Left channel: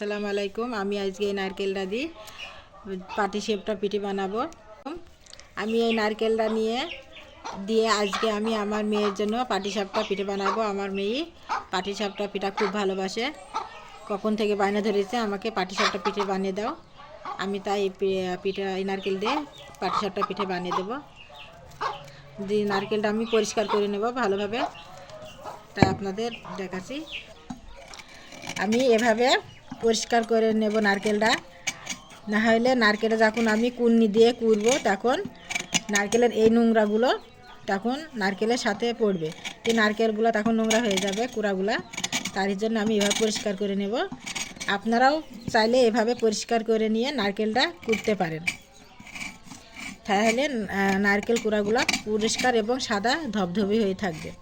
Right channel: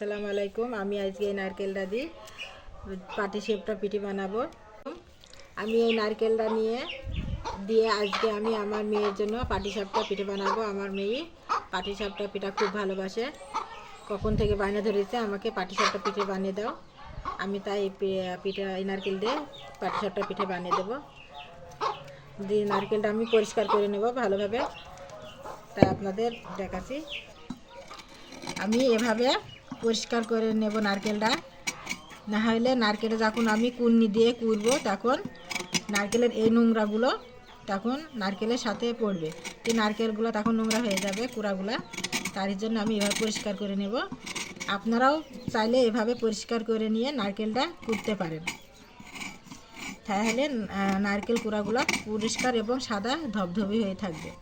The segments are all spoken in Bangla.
আসসালামু আলাইকুম। আমি আজকে এই নারকেলটা দিয়ে পাটিসাপটা পিঠে বানাবো। আমি এই নারকেলটা দিয়ে আজকে আমি আমার মেয়ের জন্য পাটিসাপটা পিঠে বানাবো। আমার মেয়ে পাটিসাপটা পিঠা খুব ভালোবাসে, কখন থেকে বায়না ধরেছে আমাকে পাটিসাপটা পিঠে বানিয়ে দাও। আমি তাই এই নারকেল দিয়ে পাটিসাপটা পিঠে বানিয়ে দেবো। দিয়ে নারকেলটা আমি পরিষ্কার করে নেব ভালোভাবে, তাই আপনাদের দেখাচ্ছি। আমি এভাবে পরিষ্কার করে নেব নারকেলটা, না হলে নারকেলটা যখন আমি কুড়নি দিয়ে কুড়বো তখন নারকেলের এই নোংরাগুলো তখন নারকেলের সাথে পড়বে, এই নারকেলগুলো তখন নোংরা হয়ে যাবে কুড়াগুলো। তার জন্য আমি এভাবে পরিষ্কার করে নেব। আপনারাও চাইলে এভাবে পরিষ্কার করে নিয়ে নারকেলটা কুড়তে পারেন, তাহলে নারকেল কুড়াগুলো পরিষ্কার এবং সাদা ধবধবে হয়ে থাকবে।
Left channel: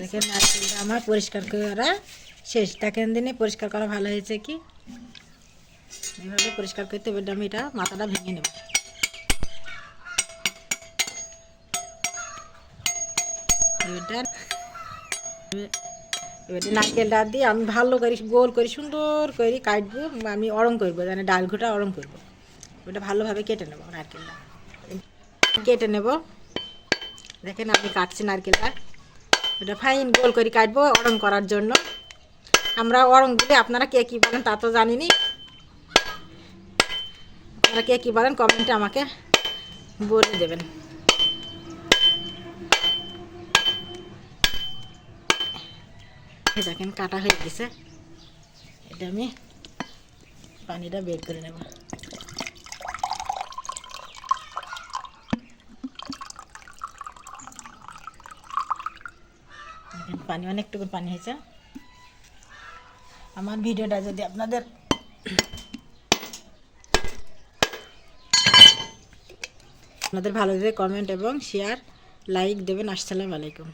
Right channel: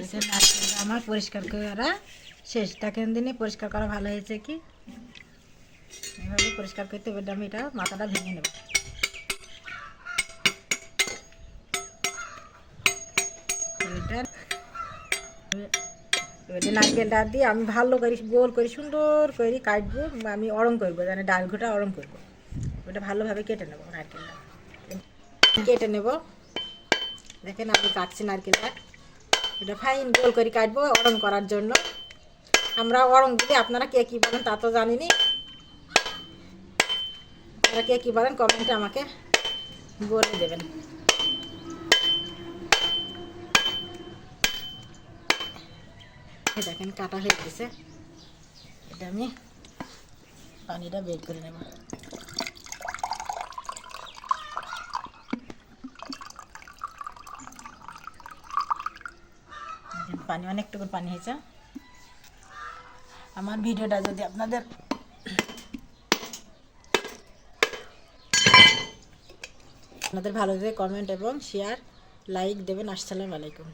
দেখেন নারকেলটা আমার পরিষ্কার করা শেষ। দেখেন দিনে পরিষ্কার করা ভালো হয়েছে কি, এভাবে পরিষ্কার করতে হবে। আমি এটা মাথাটা ভেঙে নেব। এবার নারকেলটা দিয়ে আমি ভালো করে গোল করে সুন্দর করে কাটবো। আমি অরম করবো, মানে ডাল ঘুটা অরম করবো। ওটা ভালোভাবে কেটে নেবো, নারকেলটা কেটে নেব। দেখেন আমি কাটছি নারকেলটা, এটা ফাইন গোল করে কাটবো অরম করার জন্য। আমরা অরম দিলে আপনারা কে কী বলেন তা তো জানিনি। আপনারা কে কী বলেন কমেন্টে আমাকে বলে দেবেন। দেখেন কাটা হয়ে গেছে, এটা আমি পানিটা বের করে নেব। দেখেন পানি অনেকটুকু পানি হয়েছে। আমার ভিডিওটা যদি আপনাদের ভালো লাগে কমেন্ট এবং শেয়ার লাইক দেবেন। আসসালামু আলাইকুম।